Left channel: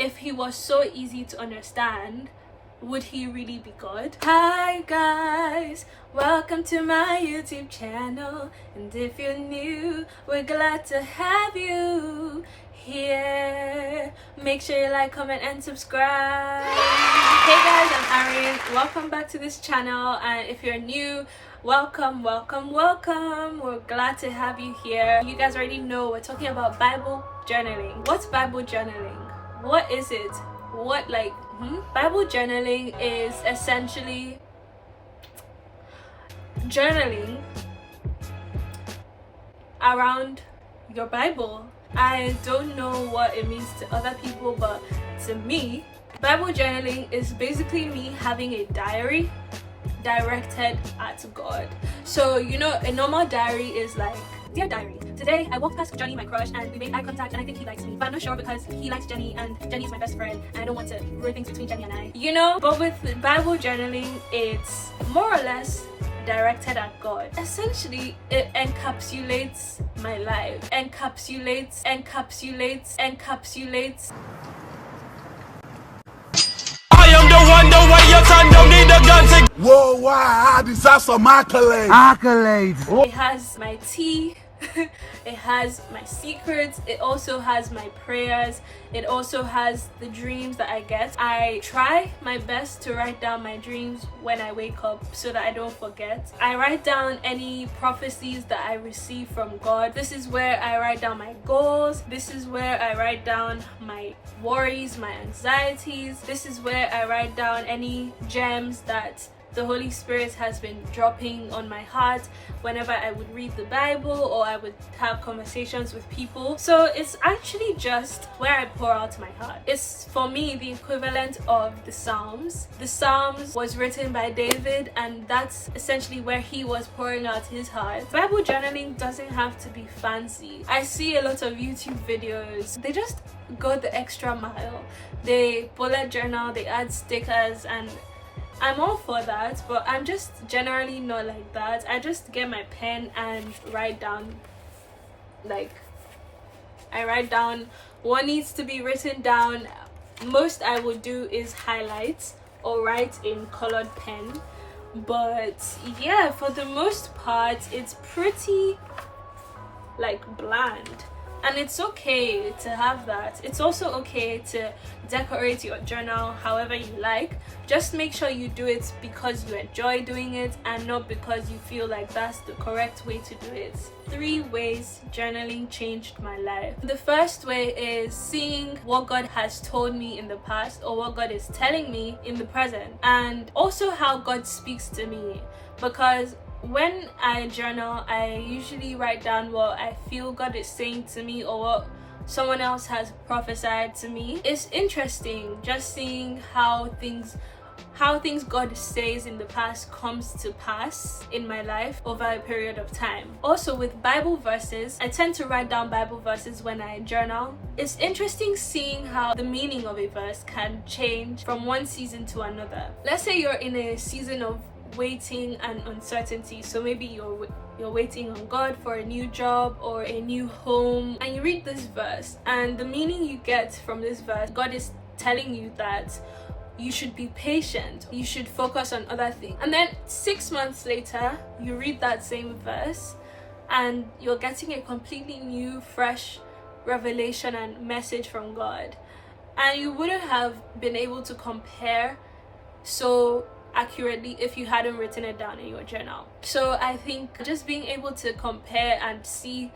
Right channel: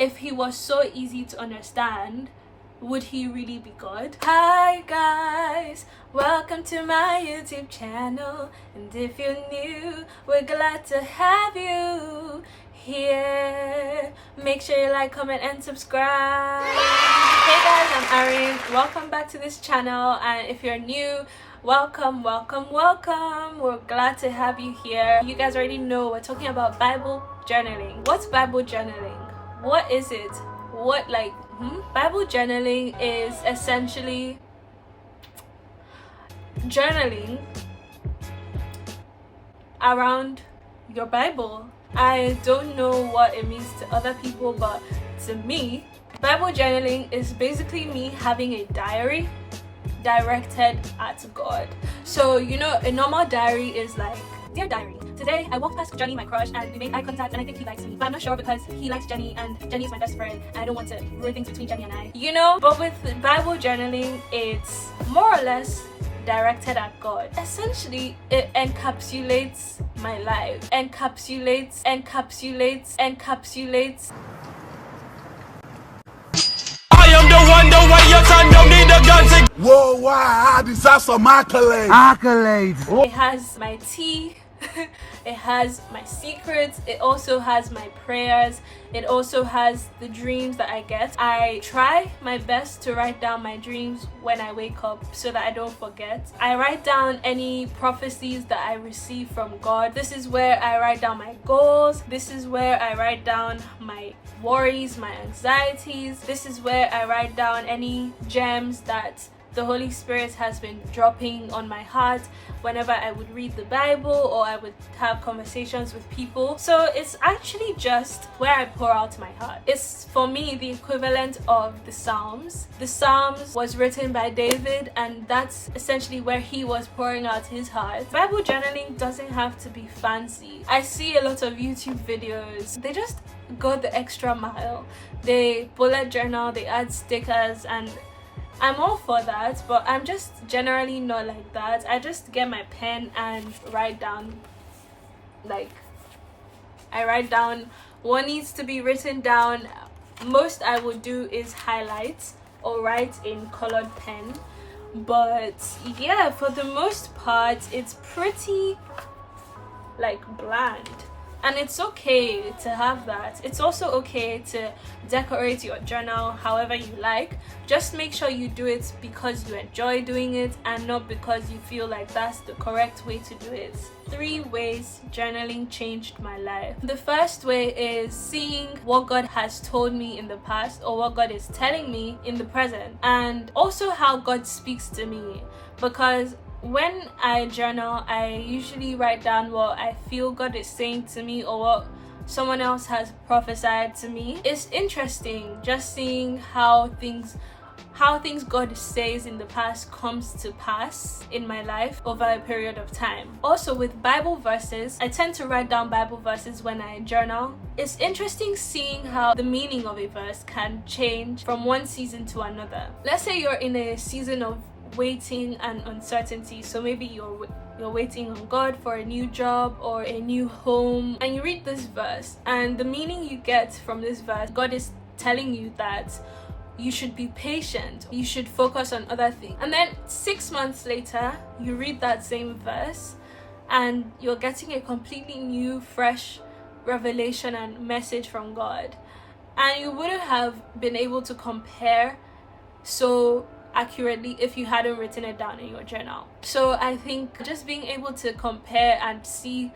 If he was so easy to understand, would he really be God? Hi guys, welcome to my YouTube channel, and if you're new, we're glad to have you here. Make sure you like, comment and subscribe. Hey guys, I'm Arin. Welcome back to this channel, and if you're new, welcome. We're glad to have you here. You guys already know we're talking about Bible journaling. What's Bible journaling? What is it? Bible journaling is essentially journaling around your Bible. I don't know what it means to other people, but to me, Bible journaling is basically me having a diary directed at God. So you know, a normal diary is like, dear diary, today I walked past Johnny, my crush, and we made eye contact, and I think he likes me, but I'm not sure because he likes Jenny and Jenny is my best friend and I don't want to ruin things between Jenny and I, you know. But with Bible journaling, it's more or less directed at God. Essentially, it encapsulates my life, encapsulates I am the one, the way your son don't need a gun to. Whoa, wow, I deserve some accolades. It has my tea, it has my secrets, it also has my prayers, it also has the dreams that I get. I try my best to write down my dreams when I wake up so that I don't forget. I write down any prophecies that I receive from God. This is where I write down my goals. This is where I write down my worries, my anxieties. This is where I write down any gems that the Holy Spirit has been dropping on my heart whenever I would read the Bible or I would have conversations with people. So it's actually just where I pour out my heart. It's for me the equivalent of the Psalms. The Psalms was written by David, and that's essentially where he was pouring out his heart. Bible journaling doesn't have to be fancy. I see a lot of YouTube videos, they just go the extra mile. They bullet journal, they add stickers, and I'm all for that, but I'm just generally not like that. I just get my pen and write down, I write down what needs to be written down. Most I would do is highlight or write in colored pen, but yeah, for the most part it's pretty bland. And it's okay to have that. It's also okay to decorate your journal however you like. Just make sure you do it because you enjoy doing it and not because you feel like that's the correct way to do it. 3 ways journaling changed my life. The first way is seeing what God has told me in the past or what God is telling me in the present, and also how God speaks to me. Because when I journal, I usually write down what I feel God is saying to me or what someone else has prophesied to me. It's interesting just seeing how things God says in the past comes to pass in my life over a period of time. Also with Bible verses, I tend to write down Bible verses when I journal. It's interesting seeing how the meaning of a verse can change from one season to another. Let's say you're in a season of waiting and uncertainty, so maybe you're waiting on God for a new job or a new home, and you read this verse, and the meaning you get from this verse, God is telling you that you should be patient, you should focus on other things. And then 6 months later you read that same verse and you're getting a completely new, fresh revelation and message from God, and you wouldn't have been able to compare so accurately if you hadn't written it down in your journal. So I think just being able to compare and see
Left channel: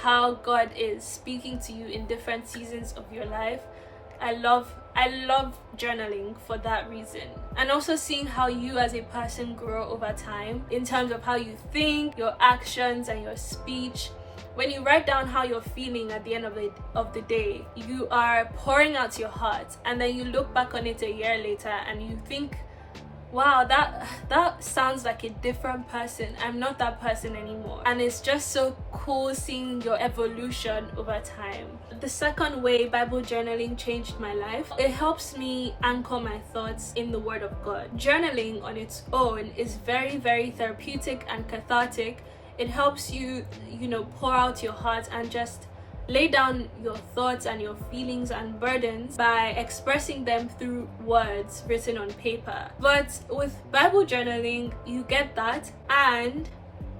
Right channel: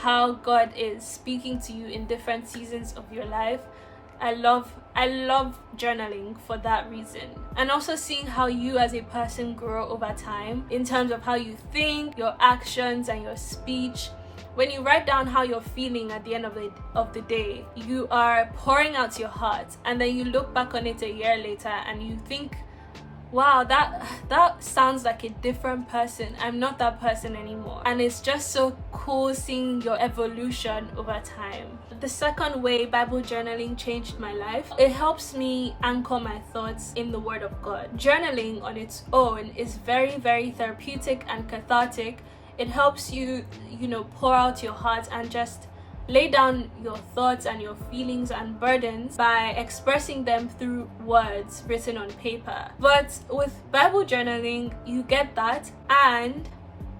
how God is speaking to you in different seasons of your life, I love journaling for that reason. And also seeing how you as a person grow over time in terms of how you think, your actions and your speech. When you write down how you're feeling at the end of the day, you are pouring out your heart, and then you look back on it a year later and you think, wow, that sounds like a different person. I'm not that person anymore. And it's just so cool seeing your evolution over time. The second way Bible journaling changed my life, it helps me anchor my thoughts in the Word of God. Journaling on its own is very, very therapeutic and cathartic. It helps you, pour out your heart and just lay down your thoughts and your feelings and burdens by expressing them through words written on paper. But with Bible journaling, you get that, and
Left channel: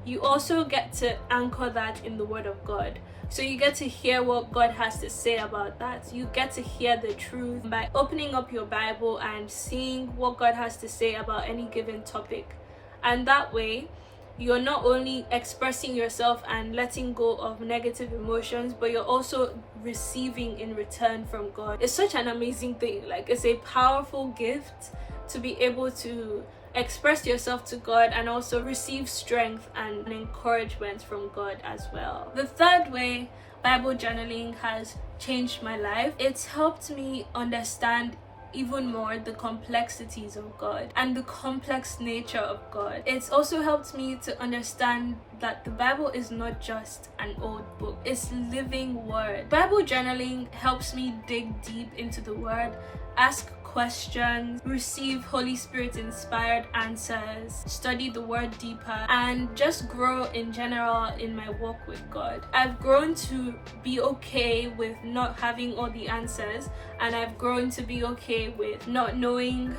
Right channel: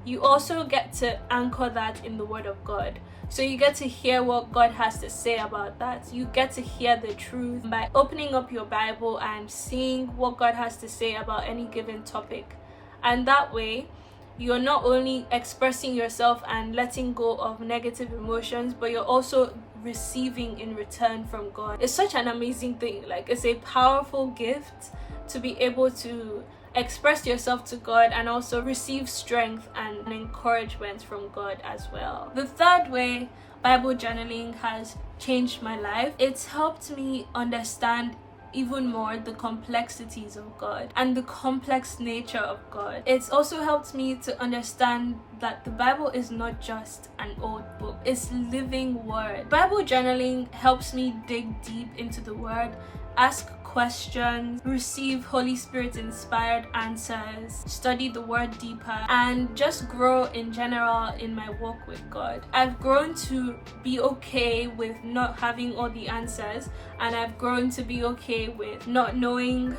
you also get to anchor that in the Word of God. So you get to hear what God has to say about that. You get to hear the truth by opening up your Bible and seeing what God has to say about any given topic. And that way, you're not only expressing yourself and letting go of negative emotions, but you're also receiving in return from God. It's such an amazing thing. Like, it's a powerful gift to be able to express yourself to God and also receive strength and encouragement from God as well. The third way Bible journaling has changed my life, it's helped me understand even more the complexities of God and the complex nature of God. It's also helped me to understand that the Bible is not just an old book, it's living word. Bible journaling helps me dig deep into the word, ask questions, receive Holy Spirit inspired answers, study the word deeper, and just grow in general in my walk with God. I've grown to be okay with not having all the answers, and I've grown to be okay with not knowing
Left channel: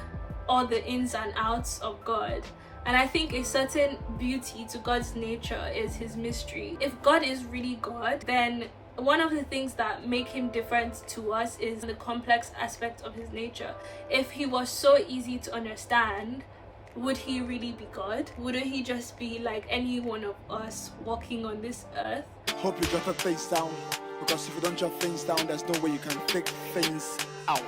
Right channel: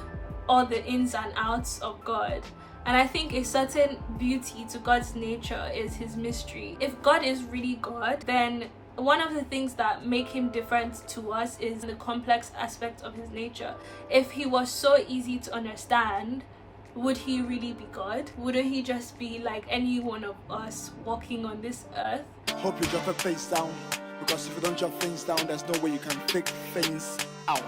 all the ins and outs of God. And I think a certain beauty to God's nature is his mystery. If God is really God, then one of the things that make him different to us is the complex aspect of his nature. If he was so easy to understand, would he really be God? Wouldn't he just be like any one of us walking on this earth? Hope you drop your face down, because if you don't drop things down, there's no way you can pick things out.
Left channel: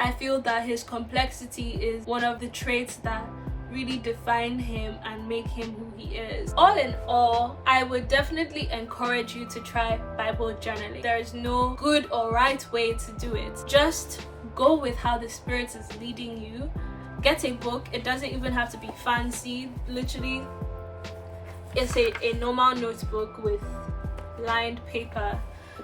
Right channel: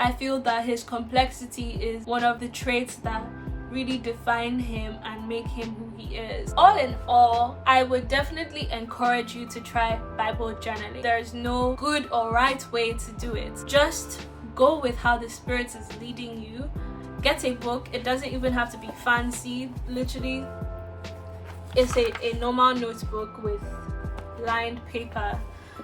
I feel that his complexity is one of the traits that really define him and make him who he is. All in all, I would definitely encourage you to try Bible journaling. There's no good or right way to do it. Just go with how the Spirit is leading you. Get a book. It doesn't even have to be fancy. Literally, it's a normal notebook with lined paper.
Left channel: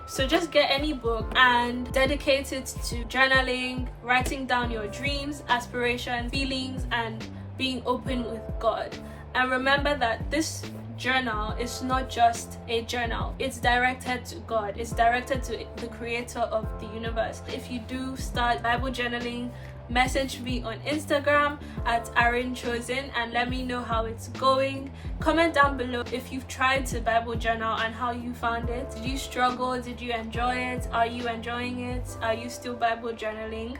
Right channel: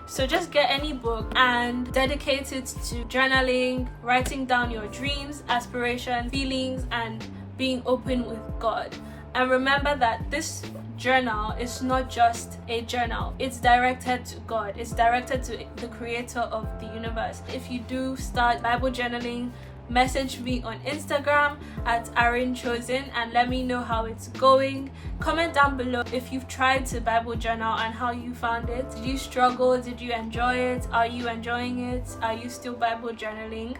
So just get any book and dedicate it to journaling, writing down your dreams, aspirations, feelings, and being open with God. And remember that this journal is not just a journal, it's directed to God, it's directed to the creator of the universe. If you do start Bible journaling, message me on Instagram at arinchosen and let me know how it's going. Comment down below if you've tried to Bible journal and how you found it. Did you struggle? Did you enjoy it? Are you enjoying it? Are you still Bible journaling?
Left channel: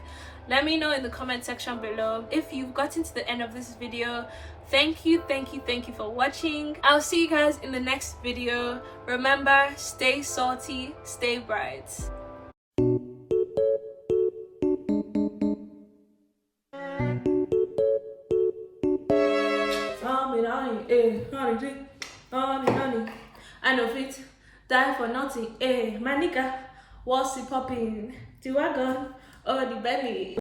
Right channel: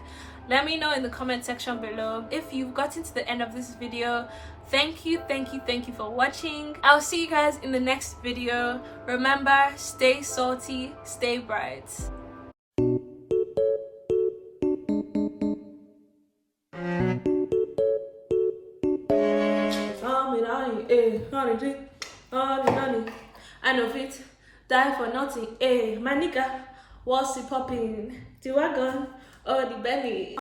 Let me know in the comment section below. If you've gotten to the end of this video, thank you for watching. I'll see you guys in the next video. Remember, stay salty, stay bright. I know fit die for nothing. My nigga, what's it popping? The wagon or the belly?